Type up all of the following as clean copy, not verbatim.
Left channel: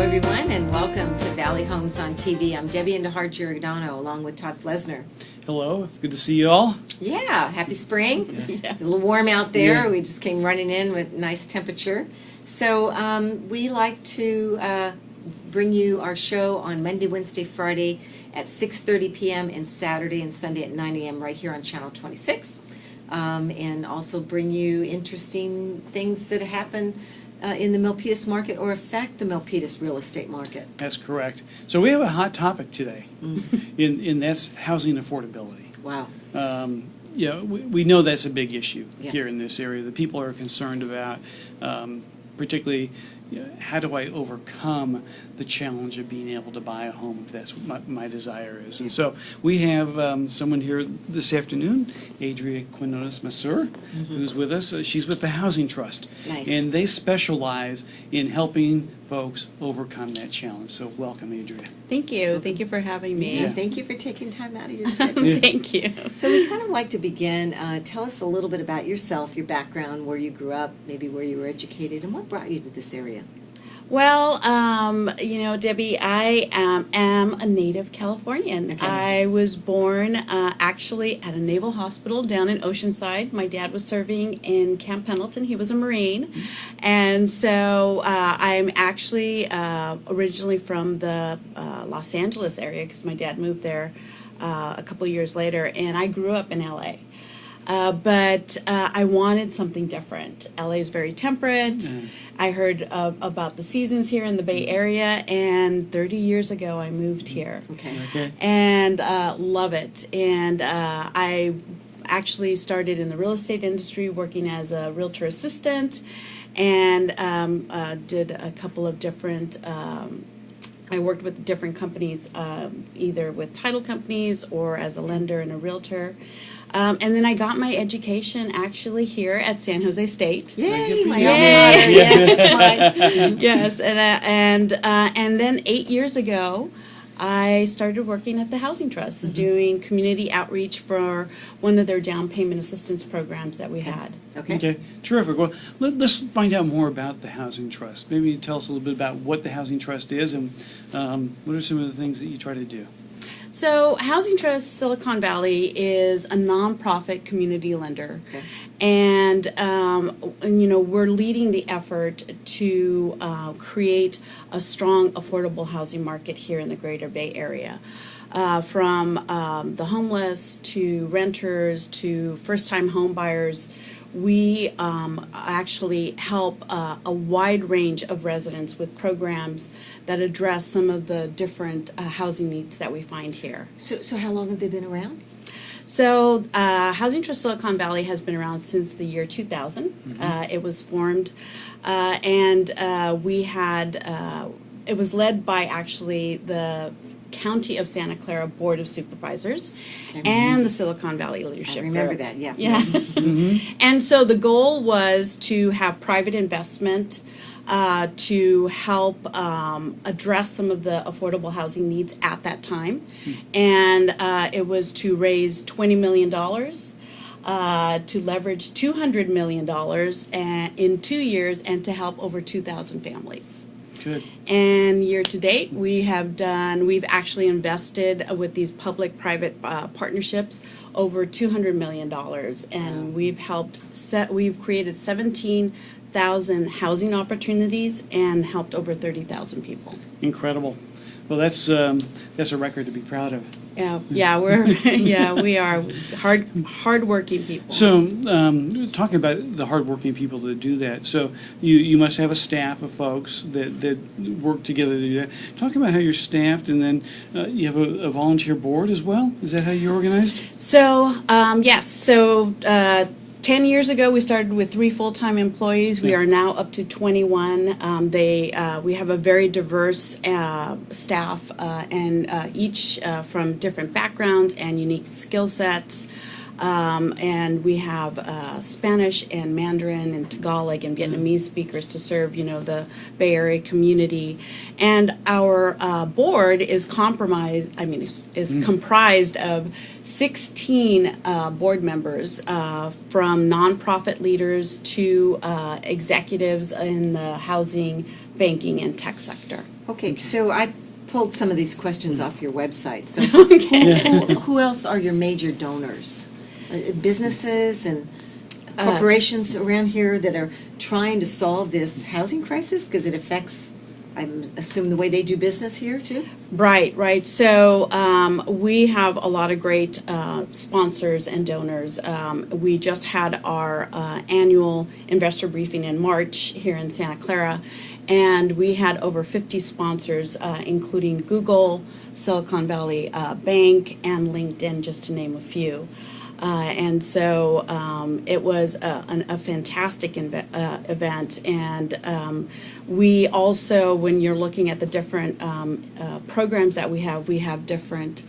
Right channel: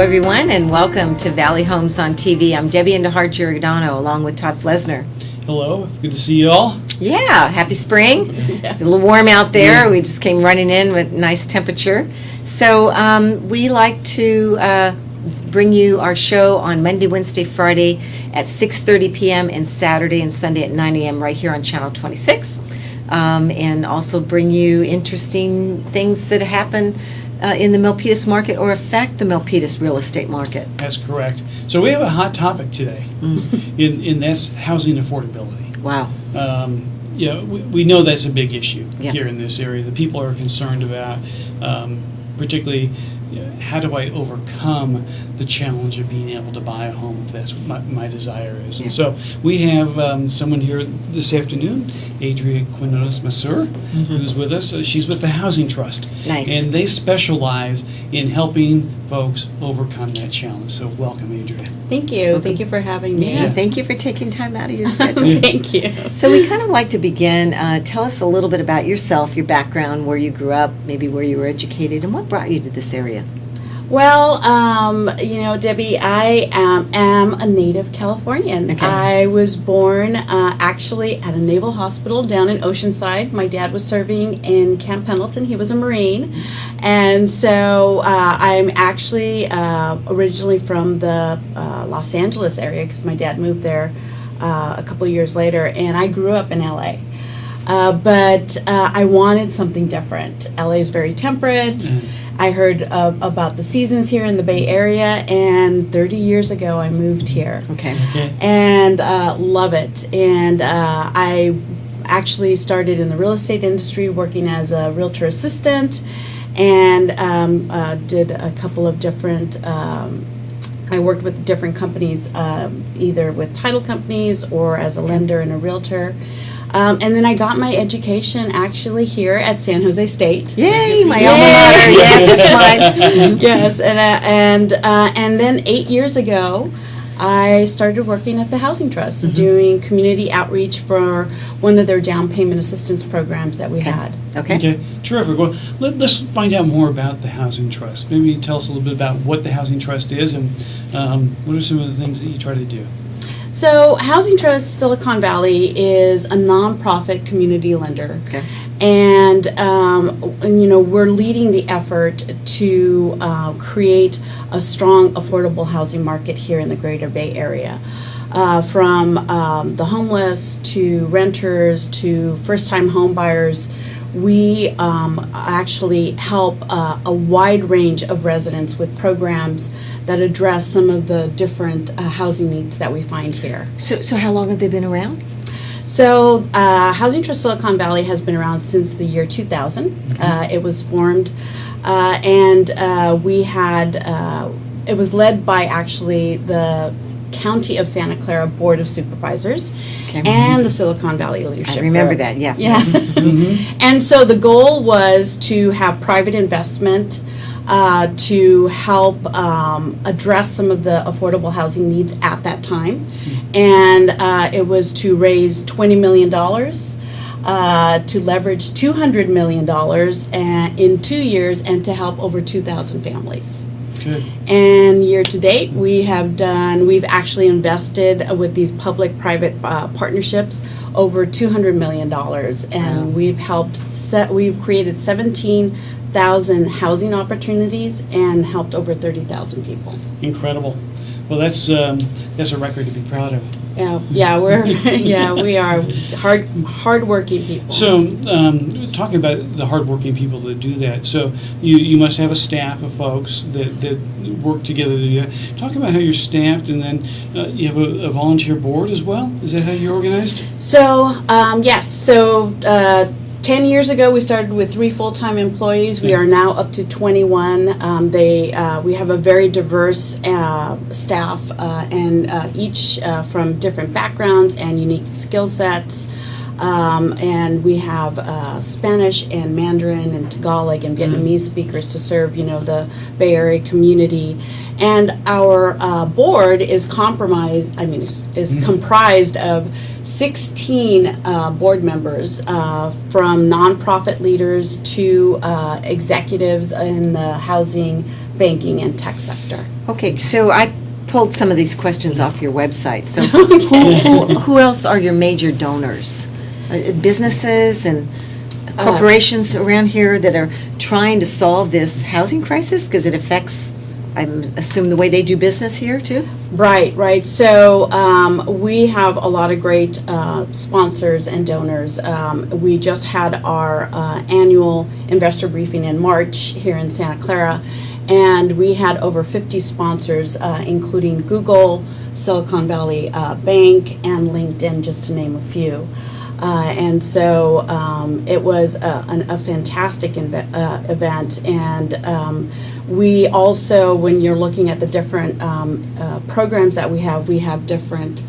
everyone, and welcome to Valley Homes on TV. I'm Debbie Giordano, along with Todd Flesner. Hello, good to see you all. Yeah, happy spring. It's a little warm out there. We just came running in with nice temperature. So we like to bring you our show on Monday, Wednesday, Friday at 6:30 p.m. and Saturday and Sunday at 9 a.m. right here on Channel 26. And also bring you interesting things that happen in the Milpitas market or affect the Milpitas real estate market. That's correct. So we have a hot topic today, and that's housing affordability. Wow. We know that's a big issue Yeah. here in this area. The people are concerned about, particularly, how do I overcome the challenge of being able to buy a home if that's my desire is. Yeah. And so we have someone here this afternoon, Adria Quinones-Masur, who's with us. She's with the Housing Trust. Nice. And they specialize in helping folks overcome that challenge. So welcome, Adria. Thank you. Welcome. Thank you for having me. Yeah, thank you for taking time out of your schedule. Thank you. So we kind of like to begin. Tell us a little bit about yourself, your background, where you grew up, maybe where you were educated, and what brought you to this area. Well, Debbie, I am a native Californian. Okay. I was born actually at a naval hospital down in Oceanside. My dad was serving in Camp Pendleton. He was a Marine. And so I'm actually originally from the Los Angeles area because my dad moved there a couple of years later, and I grew up in LA. But I wanted something different. LA is very temperate. I heard about the seasons here in the Bay Area, and 30 years ago I moved here. Okay. And love it. And I actually started in the real estate industry working as a realtor assistant, and did a couple of different I worked with different companies, either with title companies or as a lender and a realtor. And then I got my education actually here at San Jose State. Yay, my alma mater. Yeah, that's mine. Yes, and then 8 years ago, I started working at the Housing Trust, doing community outreach for one of their down payment assistance programs that we had. Okay. Terrific. Well, let's find out more about the Housing Trust. Maybe tell us a little bit about what the Housing Trust is and what are some of the things that you try to do. So Housing Trust Silicon Valley is a nonprofit community lender. Okay. And we're leading the effort to create a strong, affordable housing market here in the Greater Bay Area. From the homeless to renters to first-time home buyers, we actually help a wide range of residents with programs that address some of the different housing needs that we find here. So how long have they been around? So Housing Trust Silicon Valley has been around since the year 2000. It was formed, and we had, it was led by actually the County of Santa Clara Board of Supervisors and the Silicon Valley Leadership I remember Group. that, yeah. Yeah. And so the goal was to have private investment to help address some of the affordable housing needs at that time. And it was to raise $20 million, to leverage $200 million in 2 years, and to help over 2,000 families. Good. And year to date, we've actually invested with these public-private partnerships over $200 million, and we've created 17,000 housing opportunities and helped over 30,000 people. Incredible. Well, that's a record to be proud of. We are hardworking people. So, talking about the hardworking people that do that, so you must have a staff of folks that work together to do that. Talk about how you're staffed, and then you have a volunteer board as well. Is that how you're organized? So, yes. So, 10 years ago, we started with 3 full-time employees. We are now up to 21. We have a very diverse staff, and each from different backgrounds and unique skill sets. And we have Spanish and Mandarin and Tagalog and Vietnamese speakers to serve, the Bay Area community. And our board is comprised of 16 board members, from nonprofit leaders to executives in the housing banking and tech sector. Okay, so I pulled some of these questions off your website. So Okay. who else are your major donors? Businesses and corporations around here that are trying to solve this housing crisis because it affects, I assume, the way they do business here too? Right. So we have a lot of great sponsors and donors. We just had our annual investor briefing in March here in Santa Clara, and we had over 50 sponsors, including Google, Silicon Valley Bank, and LinkedIn, just to name a few. And so it was a fantastic event. And we also, when you're looking at the different programs that we have different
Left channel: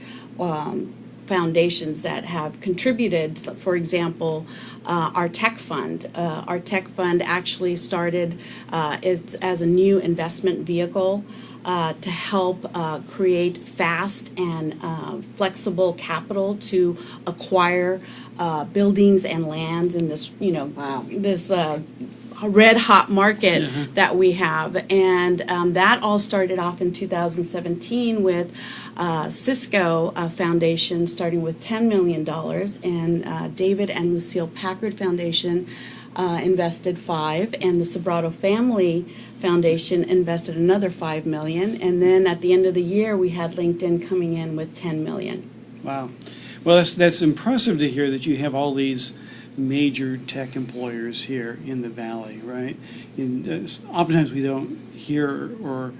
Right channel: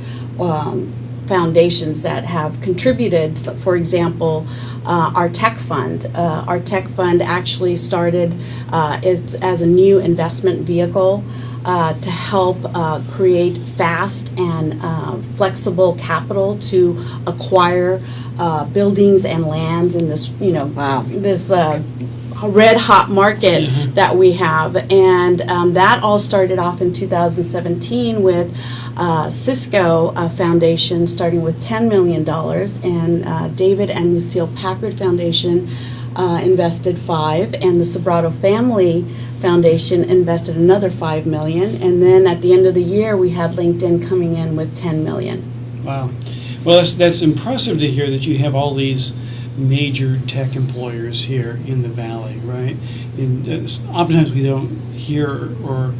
foundations that have contributed. For example, our tech fund. Our tech fund actually started as a new investment vehicle to help create fast and flexible capital to acquire buildings and lands in this, Wow. this red hot market that we have. And that all started off in 2017 with Cisco Foundation starting with $10 million, and David and Lucille Packard Foundation invested $5 million, and the Sobrato Family Foundation invested another $5 million, and then at the end of the year we had LinkedIn coming in with $10 million. Wow. Well, that's impressive to hear that you have all these major tech employers here in the Valley, right? And oftentimes we don't hear or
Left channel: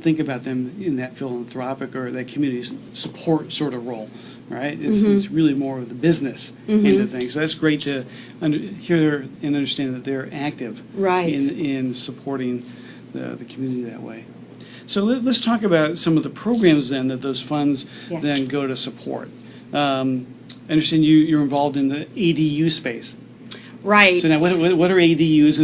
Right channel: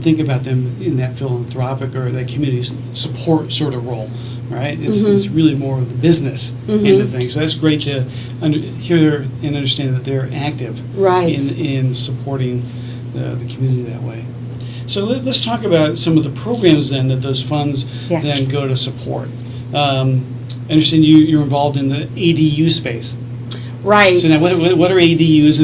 think about them in that philanthropic or that community support sort of role, right? It's really more of the business end of things. So that's great to hear and understand that they're active in supporting the community that way. So let's talk about some of the programs then that those funds then go to support. I understand you're involved in the ADU space. Right. So now, what are ADUs?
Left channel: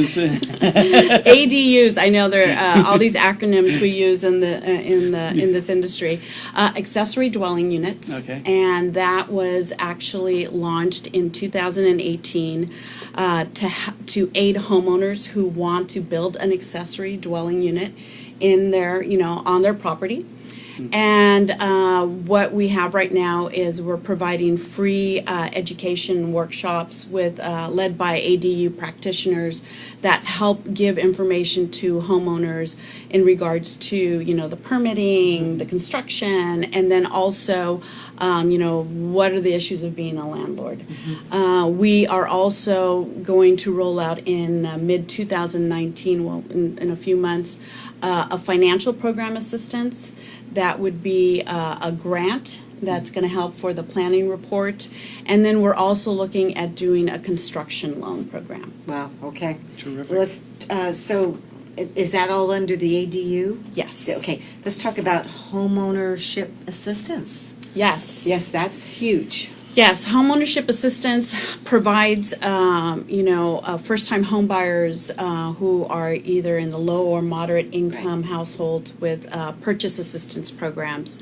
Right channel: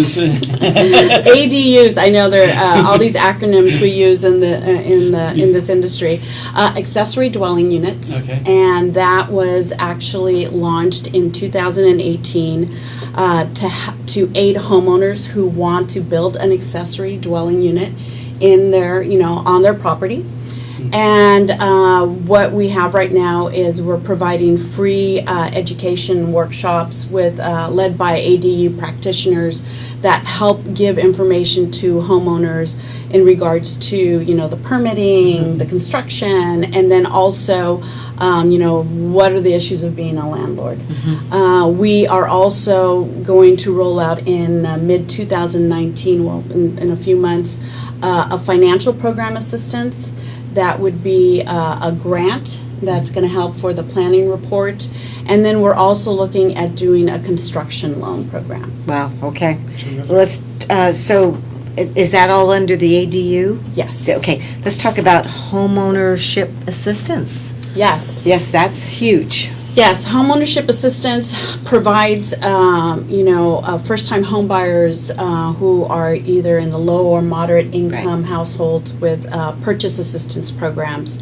ADUs. I know there are all these acronyms we use in this industry. Accessory dwelling units. Okay. And that was actually launched in 2018 to aid homeowners who want to build an accessory dwelling unit in their, on their property. And what we have right now is we're providing free education workshops led by ADU practitioners that help give information to homeowners in regards to the permitting, the construction, and then also what are the issues of being a landlord. We are also going to roll out in mid-2019, well, in a few months, a financial program assistance. That would be a grant that's going to help for the planning report. And then we're also looking at doing a construction loan program. Wow, okay. Terrific. Let's, so is that all under the ADU? Yes. Okay, let's talk about homeownership assistance. Yes. Yes, that's huge. Yes, homeownership assistance provides, first-time home buyers who are either in the low or moderate income households with purchase assistance programs.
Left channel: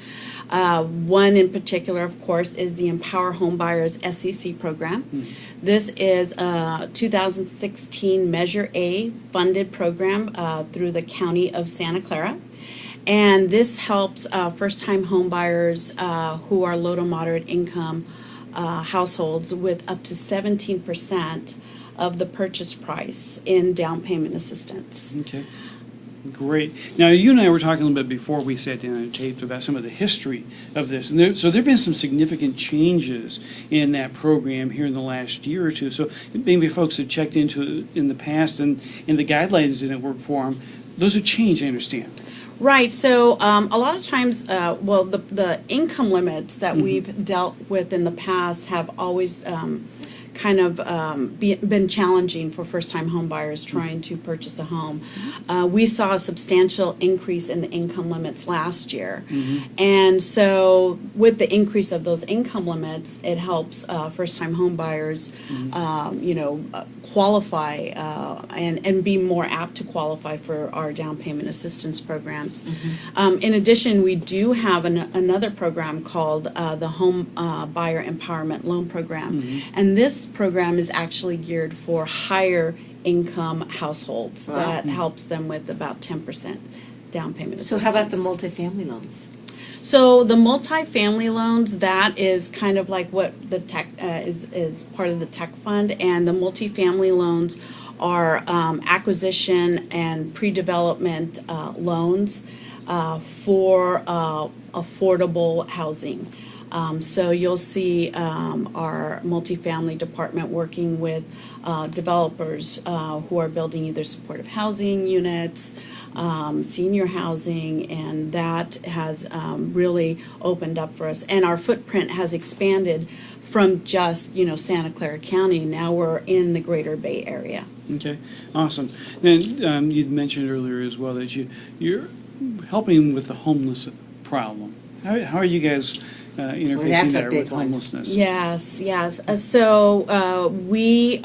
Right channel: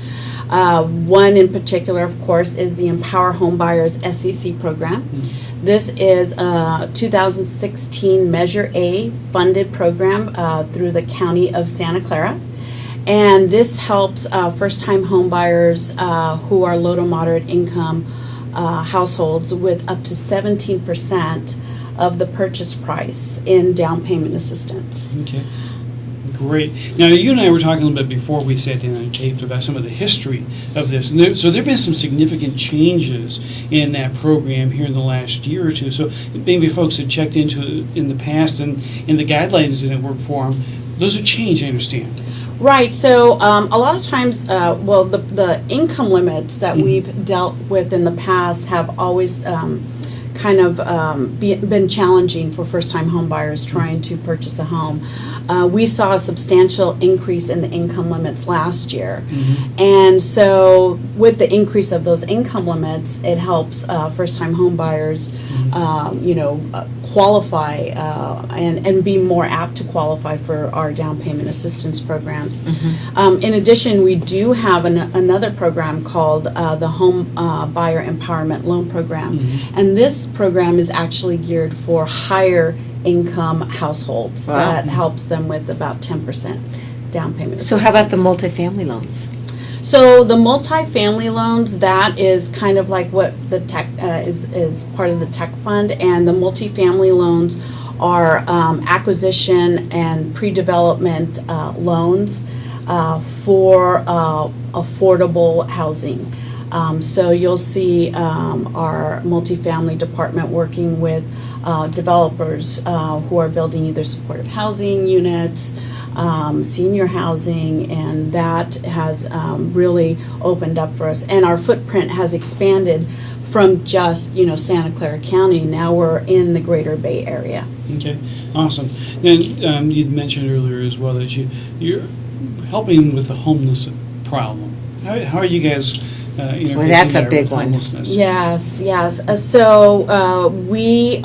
One in particular, of course, is the Empower Home Buyers SEC program. This is a 2016 Measure A funded program through the County of Santa Clara. And this helps first-time home buyers who are low to moderate income households with up to 17% of the purchase price in down payment assistance. Okay, great. Now, you and I were talking a little bit before we sat down and taped about some of the history of this. And so there have been some significant changes in that program here in the last year or two. So maybe folks had checked into it in the past and the guidelines didn't work for them. Those have changed, I understand. Right. So a lot of times, the income limits that we've dealt with in the past have always been challenging for first-time home buyers trying to purchase a home. We saw a substantial increase in the income limits last year. And so with the increase of those income limits, it helps first-time home buyers, qualify and be more apt to qualify for our down payment assistance programs. In addition, we do have another program called the Home Buyer Empowerment Loan Program. And this program is actually geared for higher income households. Wow. That helps them with about 10% down payment So assistance. how about the multifamily loans? So the multifamily loans, that is kind of like what the tech is part of the tech fund, and the multifamily loans are acquisition and pre-development loans for affordable housing. So you'll see our multifamily department working with developers who are building either supportive housing units, senior housing, and that has really opened up for us. And our footprint has expanded from just, Santa Clara County. Now we're in the Greater Bay Area. Okay, awesome. Then you'd mentioned earlier as well that you're helping with the homeless problem. How are you guys interfacing that's a there big with one. homelessness? Yes. So we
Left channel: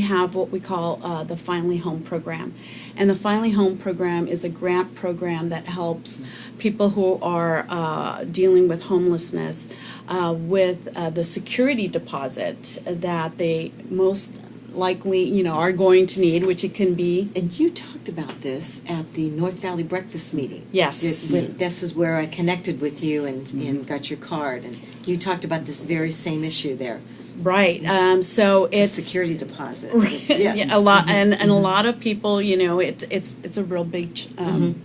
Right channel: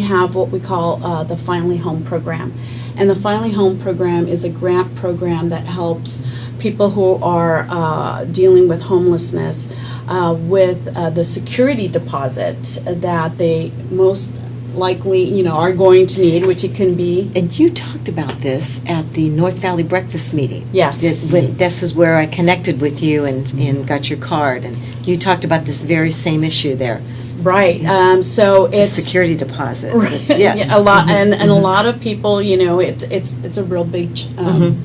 have what we call the Finally Home program. And the Finally Home program is a grant program that helps people who are dealing with homelessness with the security deposit that they most likely, are going to need, which it can be. And you talked about this at the North Valley Breakfast Meeting. Yes. This is where I connected with you and got your card, and you talked about this very same issue there. Right. So The it's security deposit. Right. Yeah. A lot, and a lot of people, it's a real big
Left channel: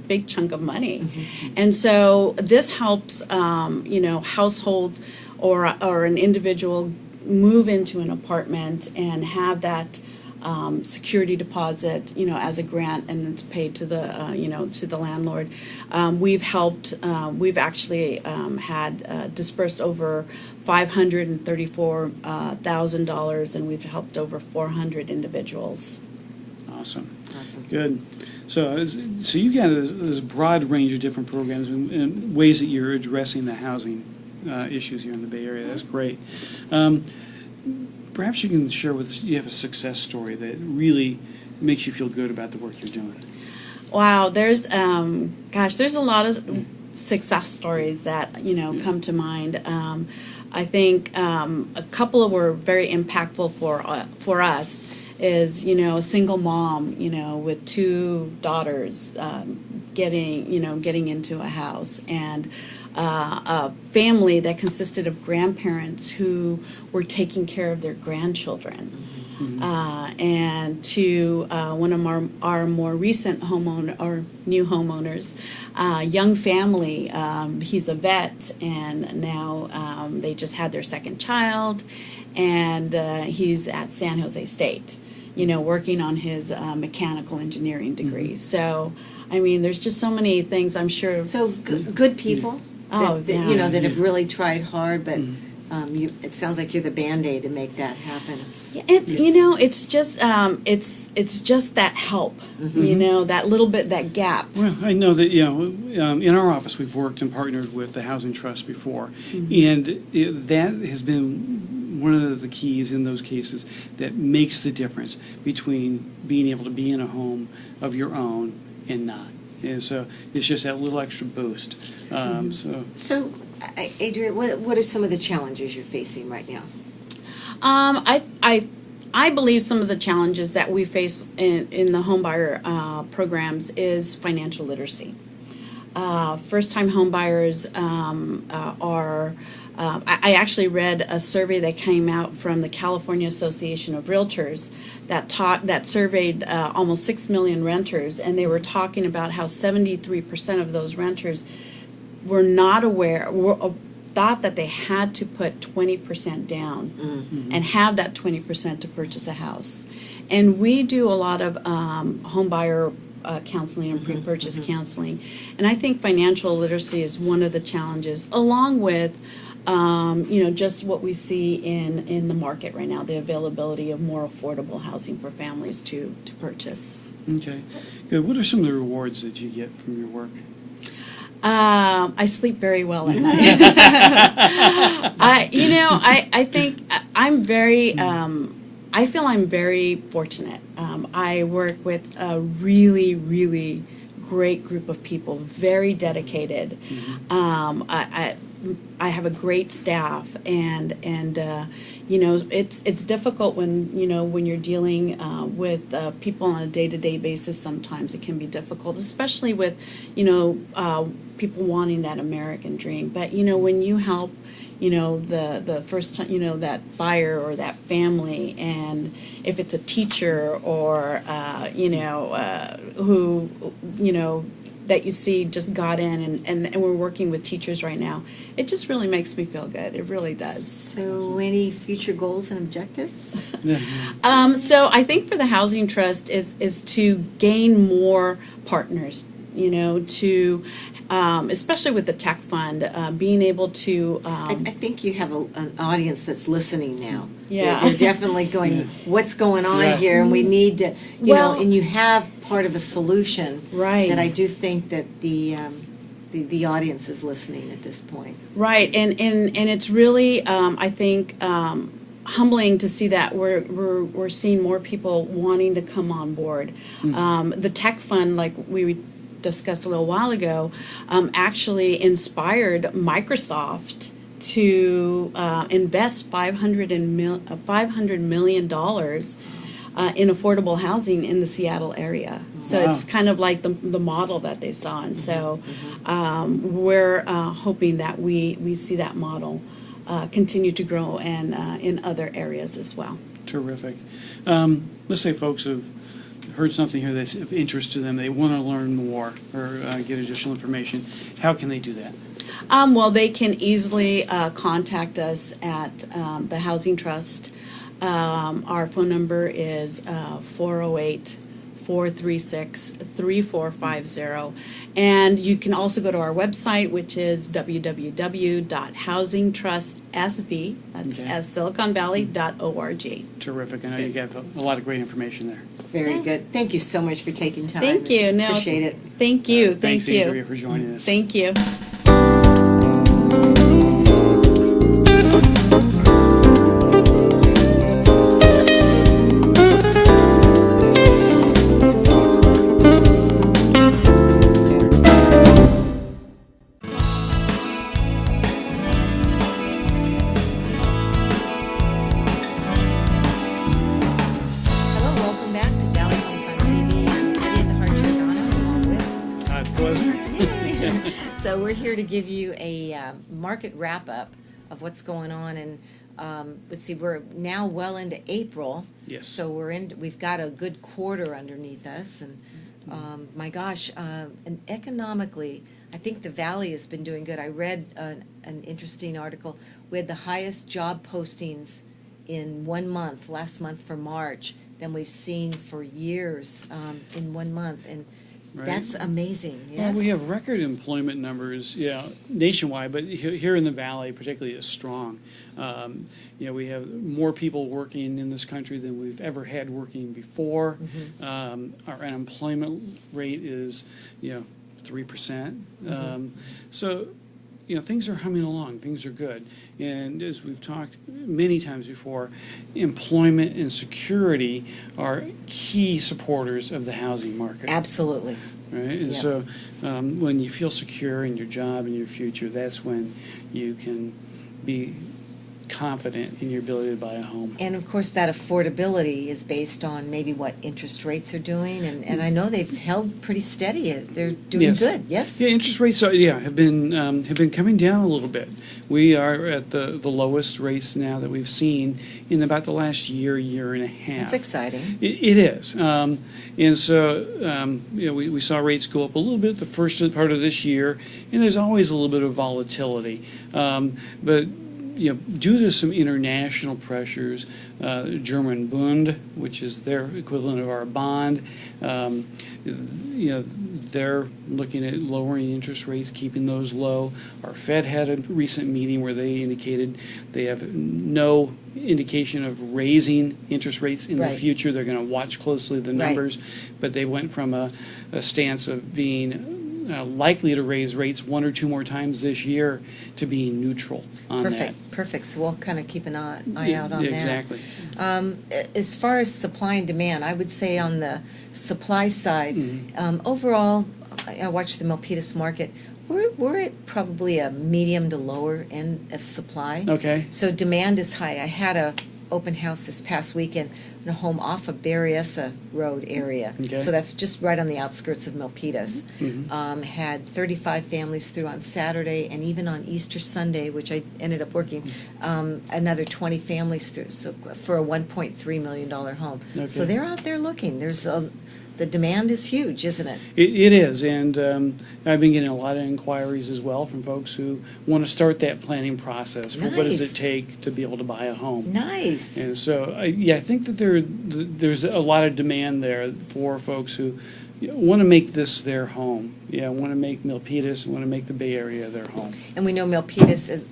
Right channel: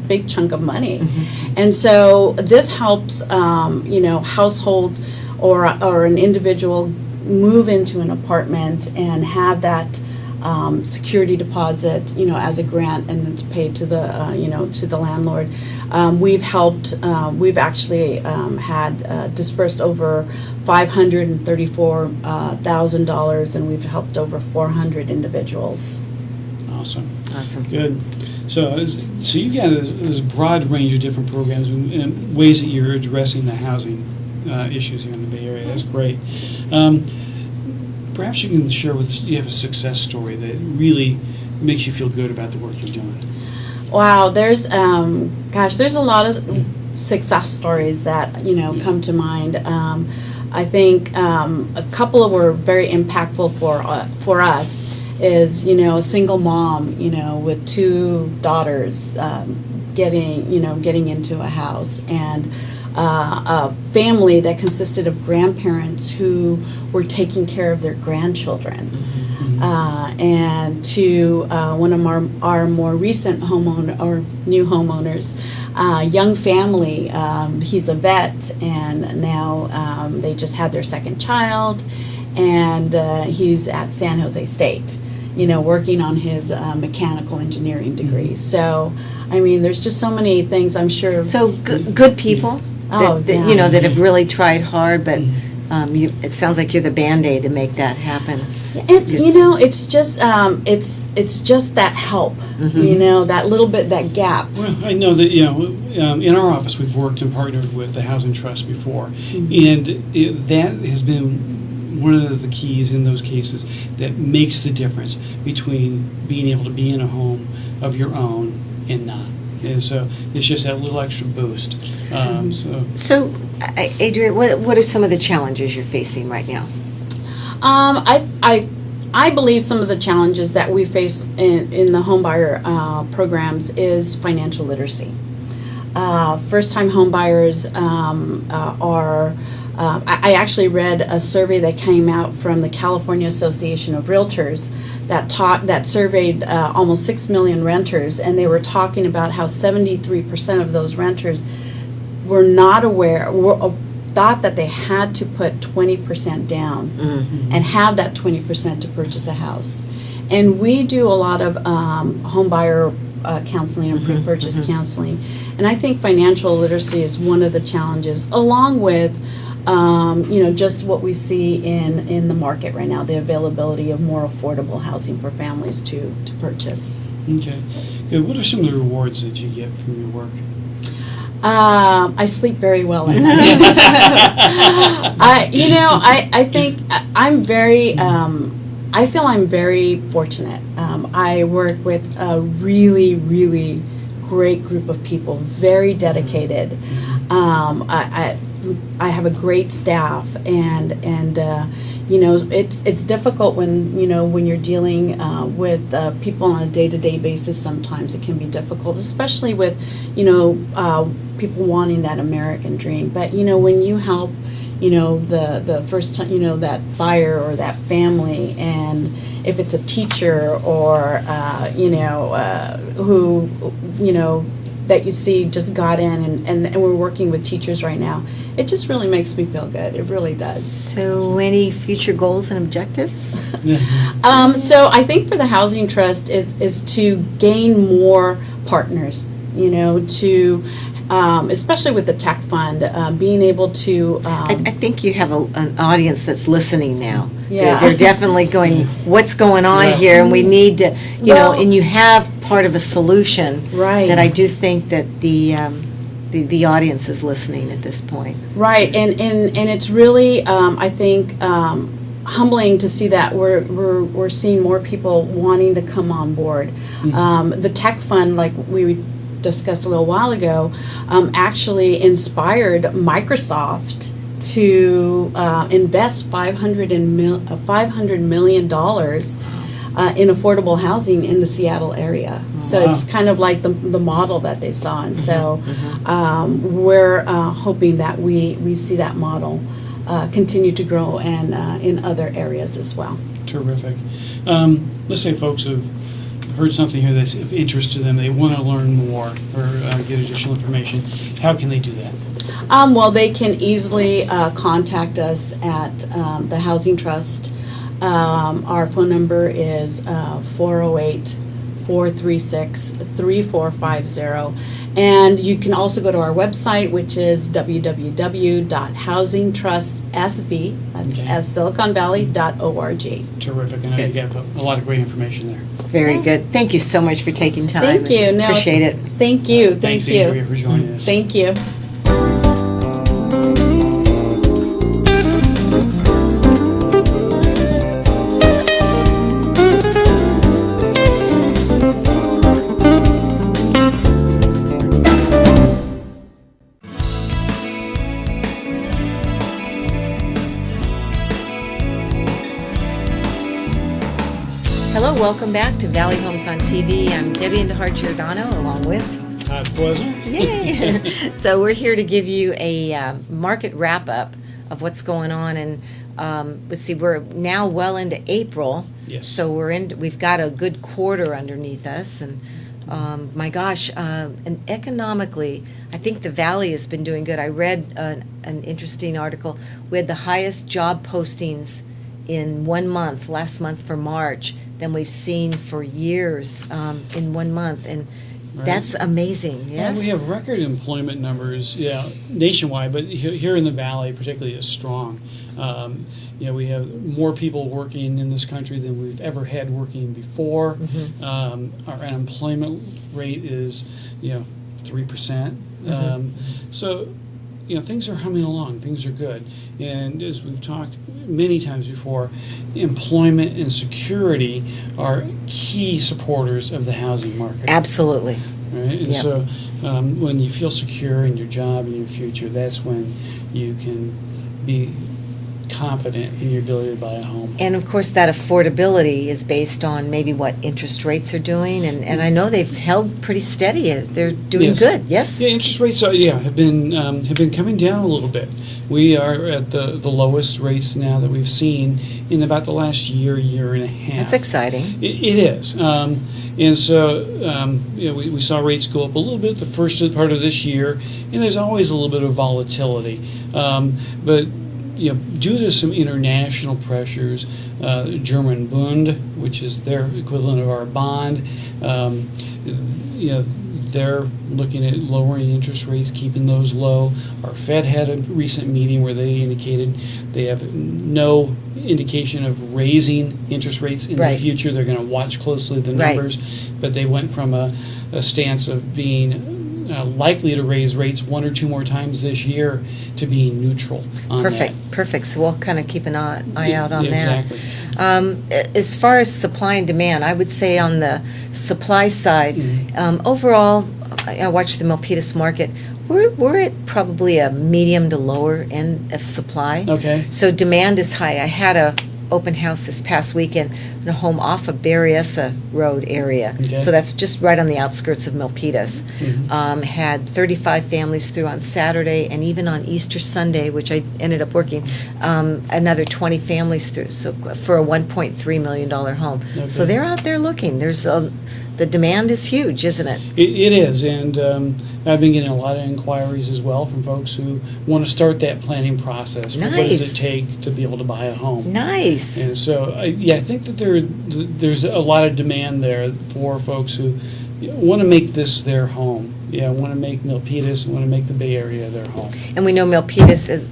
big chunk of money, and so this helps households or an individual move into an apartment and have that security deposit, as a grant, and it's paid to the to the landlord. We've helped. We've actually had dispersed over $534,000, and we've helped over 400 individuals. Awesome. Good. So you got this broad range of different programs and ways that you're addressing the housing issues here in the Bay Area. That's great. Perhaps you can share with us, you have a success story that really makes you feel good about the work you're doing. Wow, there's a lot of success stories that come to mind. I think a couple were very impactful for us. Is a single mom with two daughters getting into a house, and a family that consisted of grandparents who were taking care of their grandchildren. And to one of our more recent new homeowners, young family. He's a vet, and now they just had their second child, and he's at San Jose State, working on his mechanical engineering degree. So, I mean, there's just so many things, I'm sure. So good people that have really tried hard, but it sounds like you're the Band-Aid to make that happen. It's just that help, that little bit, that gap. Well, I know that in our office we've worked and partnered with the Housing Trust before, and that has been one of the keys in those cases that makes the difference between being able to be in a home of your own and not. And so it's just that little extra boost. So, Adria, what are some of the challenges you're facing right now? I believe some of the challenges that we face in the homebuyer programs is financial literacy. First-time homebuyers are. I actually read a survey that came out from the California Association of Realtors that surveyed almost 6 million renters, and they were talking about how 73% of those renters were not aware, thought that they had to put 20% down and have that 20% to purchase a house. And we do a lot of home buyer counseling and pre-purchase counseling, and I think financial literacy is one of the challenges, along with just what we see in the market right now, the availability of more affordable housing for families to purchase. Okay, good. What are some of the rewards that you get from your work? I sleep very well at night. I think I'm very. I feel I'm very fortunate. I work with a really, really great group of people, very dedicated. I have a great staff, and it's difficult when you're dealing with people on a day-to-day basis. Sometimes it can be difficult, especially with people wanting that American dream. But when you help the first time that buyer or that family, and if it's a teacher or who that you see just got in, and we're working with teachers right now, it just really makes me feel good. It really does. So any future goals and objectives? So I think for the Housing Trust is to gain more partners, to especially with the tech fund, being able to I think you have an audience that's listening now. Yeah. They're definitely going, what's going on Yeah. here? And we need to, Well- and you have part of a solution. Right. That I do think that the audience is listening at this point. Right, and it's really I think humbling to see that we're seeing more people wanting to come on board. The tech fund, like we discussed a little while ago, actually inspired Microsoft to invest $500 million in affordable housing in the Seattle area. So Wow. it's kind of like the model that they saw, and so we're hoping that we see that model continue to grow and in other areas as well. Terrific. Let's say folks have heard something here that's of interest to them. They want to learn more or get additional information. How can they do that? Well, they can easily contact us at the Housing Trust. Our phone number is 408-436-3450. And you can also go to our website, which is www.housingtrustsv, that's Okay. SiliconValley.org. Terrific. I know you got a lot of great information there. Very good. Thank you so much for taking time. Thank you. No, Appreciate it. Thank you. Thanks, Thank you. Andrea, for joining us. Thank you. Hello, welcome back to Valley Homes on TV. I'm Debbie Giordano along with Todd Flesner. Yay! So we're here to give you a market wrap-up of what's going on, and let's see, we're now well into April. Yes. So we've got a good quarter underneath us, and my gosh, and economically, I think the Valley has been doing good. I read an interesting article. We had the highest job postings in 1 month, last month for March, than we've seen for years in 1 month, and Right. that's amazing. Yes. We have record employment numbers, nationwide, but here in the Valley, particularly, is strong. We have more people working in this country than we've ever had working before. Our unemployment rate is, 3%. So, things are humming along. Things are good. And as we've talked many times before, employment and security are key supporters of the housing market. Absolutely. Right? And Yep. so when you feel secure in your job and your future, that's when you can be confident in your ability to buy a home. And of course, that affordability is based on maybe what interest rates are doing, and I know they've held pretty steady. They're doing Yes. good. Yes. Yeah, interest rates have been coming down a little bit. We are at the lowest rates now that we've seen in about the last year and a half. That's exciting. It is, and so we saw rates go up a little bit the first part of this year, and there's always a little bit of volatility, but. Due to some international pressures, German Bund, which is their equivalent of our bond, they're looking at lowering interest rates, keeping those low. Our Fed had a recent meeting where they indicated they have no indication of raising interest rates in Right. the future. They're going to watch closely the Right. numbers, but they went from a stance of being likely to raise rates one or two more times this year to being neutral on Perfect. So we'll kind of keep an eye out on that. Exactly. As far as supply and demand, I would say on the supply side, overall, I watched the Milpitas market. We're at probably a medium to lower end of supply. Okay. So demand is high. I had a open house this past weekend in a home off of Berryessa Road area. Okay. So that's just right on the outskirts of Milpitas. Mhm. Had 35 families through on Saturday, and even on Easter Sunday, which I ended up working, another 20 families through. So for a $1.3 million home. Okay. So they're out there looking. The demand is huge, isn't it? It is, and I've been getting a lot of inquiries as well from folks who want to start that planning process. For what does Nice. it take to be able to buy a home? Nice. And so, I think that there's a lot of demand there for folks who want to make this their home. Yeah, want to make Milpitas, want to make the Bay Area their home. And we know Milpitas, as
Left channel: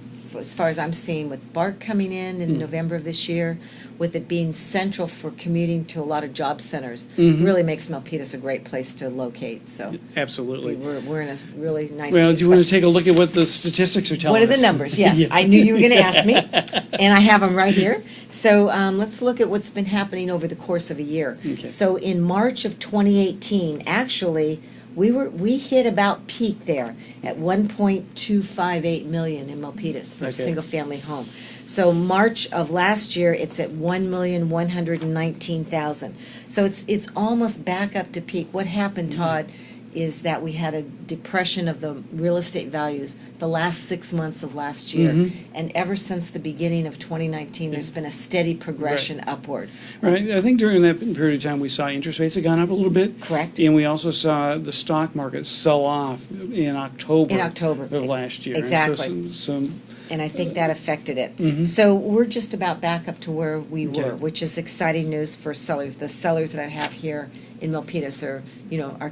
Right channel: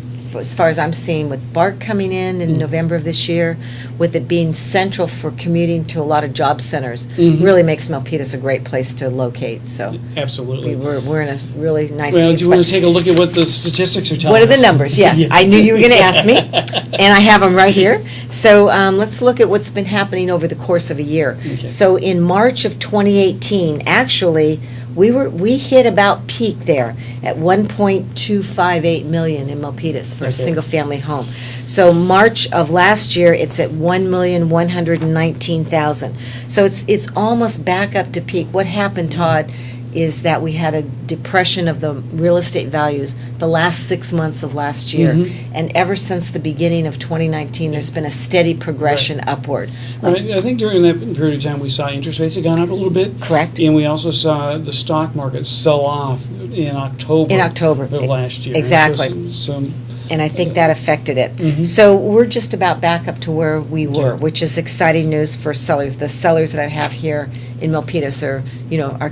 far as I'm seeing, with BART coming in Mm-hmm. November of this year, with it being central for commuting to a lot of job centers, Mhm. really makes Milpitas a great place to locate. So Absolutely. we're in a really nice Well, sweet do you want spot. to take a look at what the statistics are telling What are us? the numbers? Yes, Yeah. I knew you were going to ask me, and I have them right here. So let's look at what's been happening over the course of a year. Okay. So in March of 2018, actually, we hit about peak there at 1.258 million in Milpitas for a Okay. single-family home. So March of last year, it's at 1,119,000. So it's almost back up to peak. What happened, Todd, is that we had a depression of the real estate values the last 6 months of last year. Mhm. And ever since the beginning of 2019, there's been a steady progression upward. Right. I think during that period of time, we saw interest rates had gone up a little bit. Correct. And we also saw the stock market sell off in October. In October. Of last year. Exactly. So And I think that affected it. Mhm. So we're just about back up to where we were, Okay. which is exciting news for sellers. The sellers that I have here in Milpitas are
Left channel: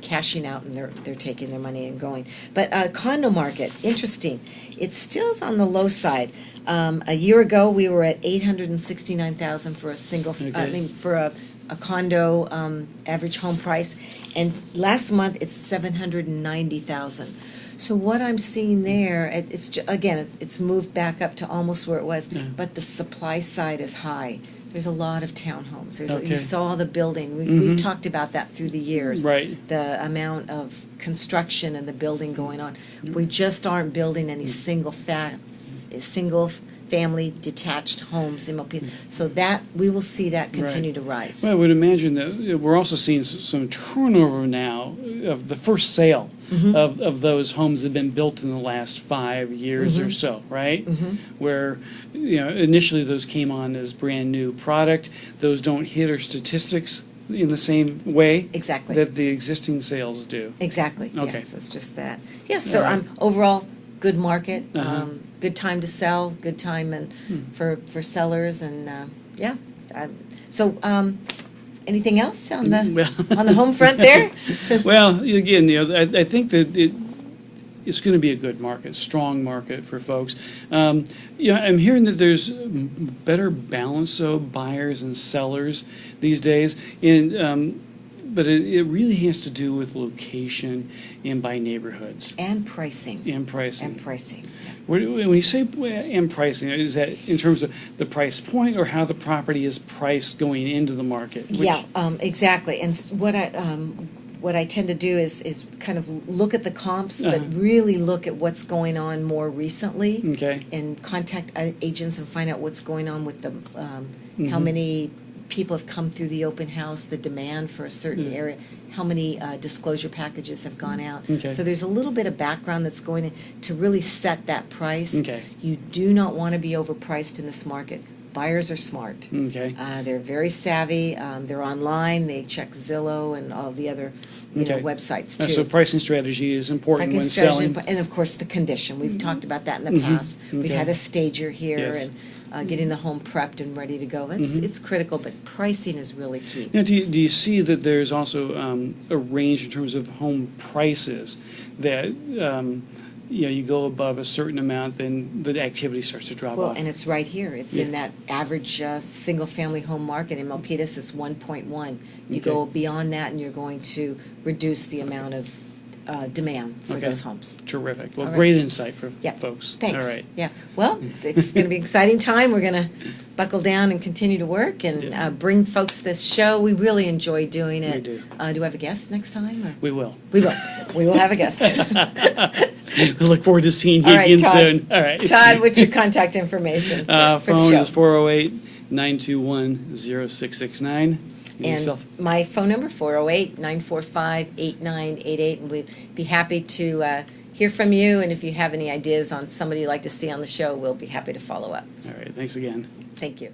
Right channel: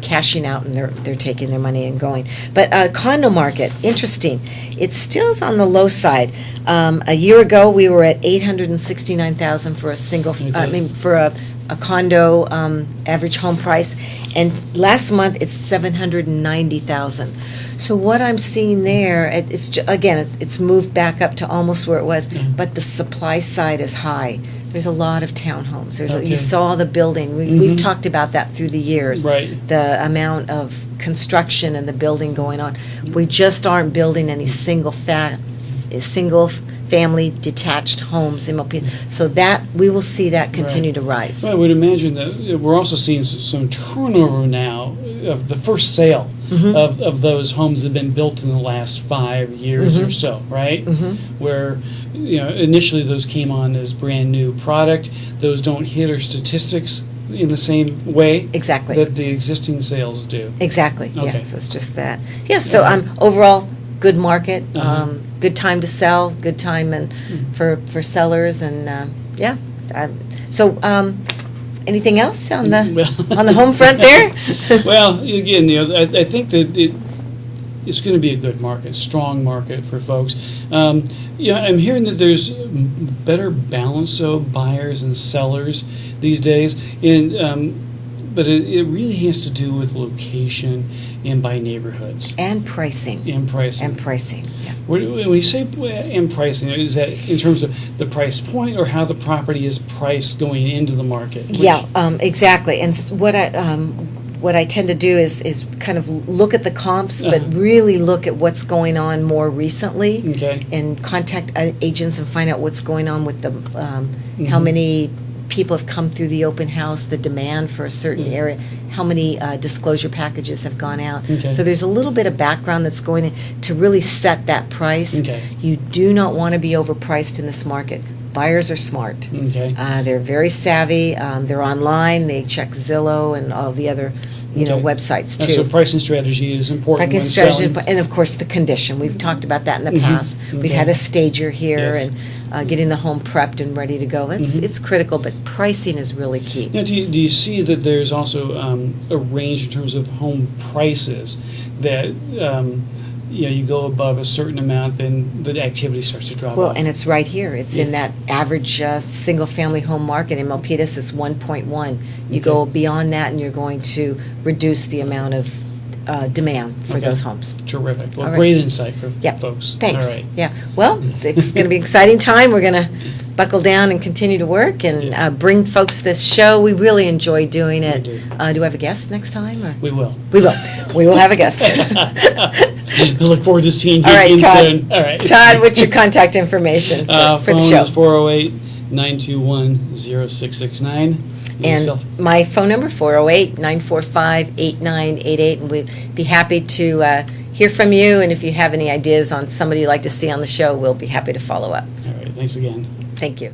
cashing out, and they're taking their money and going. But condo market, interesting. It still is on the low side. A year ago, we were at 869,000 for a single. Okay. For a condo average home price, and last month it's 790,000. So what I'm seeing there, it's moved back up to almost where it was, Mhm. but the supply side is high. There's a lot of townhomes. Okay. You saw the building. We've talked about that through the years. Right. The amount of construction and the building going on. We just aren't building any single family detached homes in Milpitas. So that we will see that continue Right. to rise. Well, I would imagine that we're also seeing some turnover now of the first sale Mhm. of those homes that have been built in the last 5 years or Mhm. so, right? Mhm. Where initially those came on as brand new product. Those don't hit our statistics in the same way Exactly. that the existing sales do. Exactly. Okay. Yeah. So it's just that. Yeah. So Yeah. overall, good market. Uh-huh. Good time to sell. Good time and for sellers and yeah. So anything else on the Well- on the home front there? Well, again, I think that it's going to be a good market, strong market for folks. I'm hearing that there's better balance, so buyers and sellers these days, but it really has to do with location and by neighborhoods And pricing. and pricing. And pricing. Yeah. When you say and pricing, is that in terms of the price point or how the property is priced going into the market? Yeah, exactly. And what I tend to do is kind of look at the comps, Uh-huh. but really look at what's going on more recently, Okay. and contact agents and find out what's going on with the how Mhm. many people have come through the open house, the demand for a certain Mhm. area, how many disclosure packages have gone out. Okay. So there's a little bit of background that's going in to really set that price. Okay. You do not want to be overpriced in this market. Buyers are smart. Okay. They're very savvy. They're online. They check Zillow and all the other, Okay. websites too. So pricing strategy is important Pricing when strategy, selling. and of course the condition. We've talked about that in the Mhm. past. We've Okay. had a stager here Yes. and getting the home prepped and ready to go. Mhm. It's critical, but pricing is really key. Now, do you see that there's also a range in terms of home prices that you go above a certain amount, then the activity starts to drop Well, off? and it's right here. It's in Yeah. that average single-family home market. In Milpitas, it's 1.1. You Okay. go beyond that, and you're going to reduce the amount of demand for Okay. those homes. Terrific. Well, All right. great insight for Yeah. folks. Thanks. All right. Yeah. Well, it's going to be an exciting time. We're going to buckle down and continue to work and Yeah. bring folks this show. We really enjoy doing it. We do. Do we have a guest next time? Or? We will. We will. We will have a guest. I look forward to seeing you All right, again Todd. soon. All right. Todd, what's your contact information for Phone the show? is 408-921-0669. And Yourself. my phone number, 408-945-8988. And we'd be happy to hear from you. And if you have any ideas on somebody you'd like to see on the show, we'll be happy to follow up. All right. Thanks again. Thank you.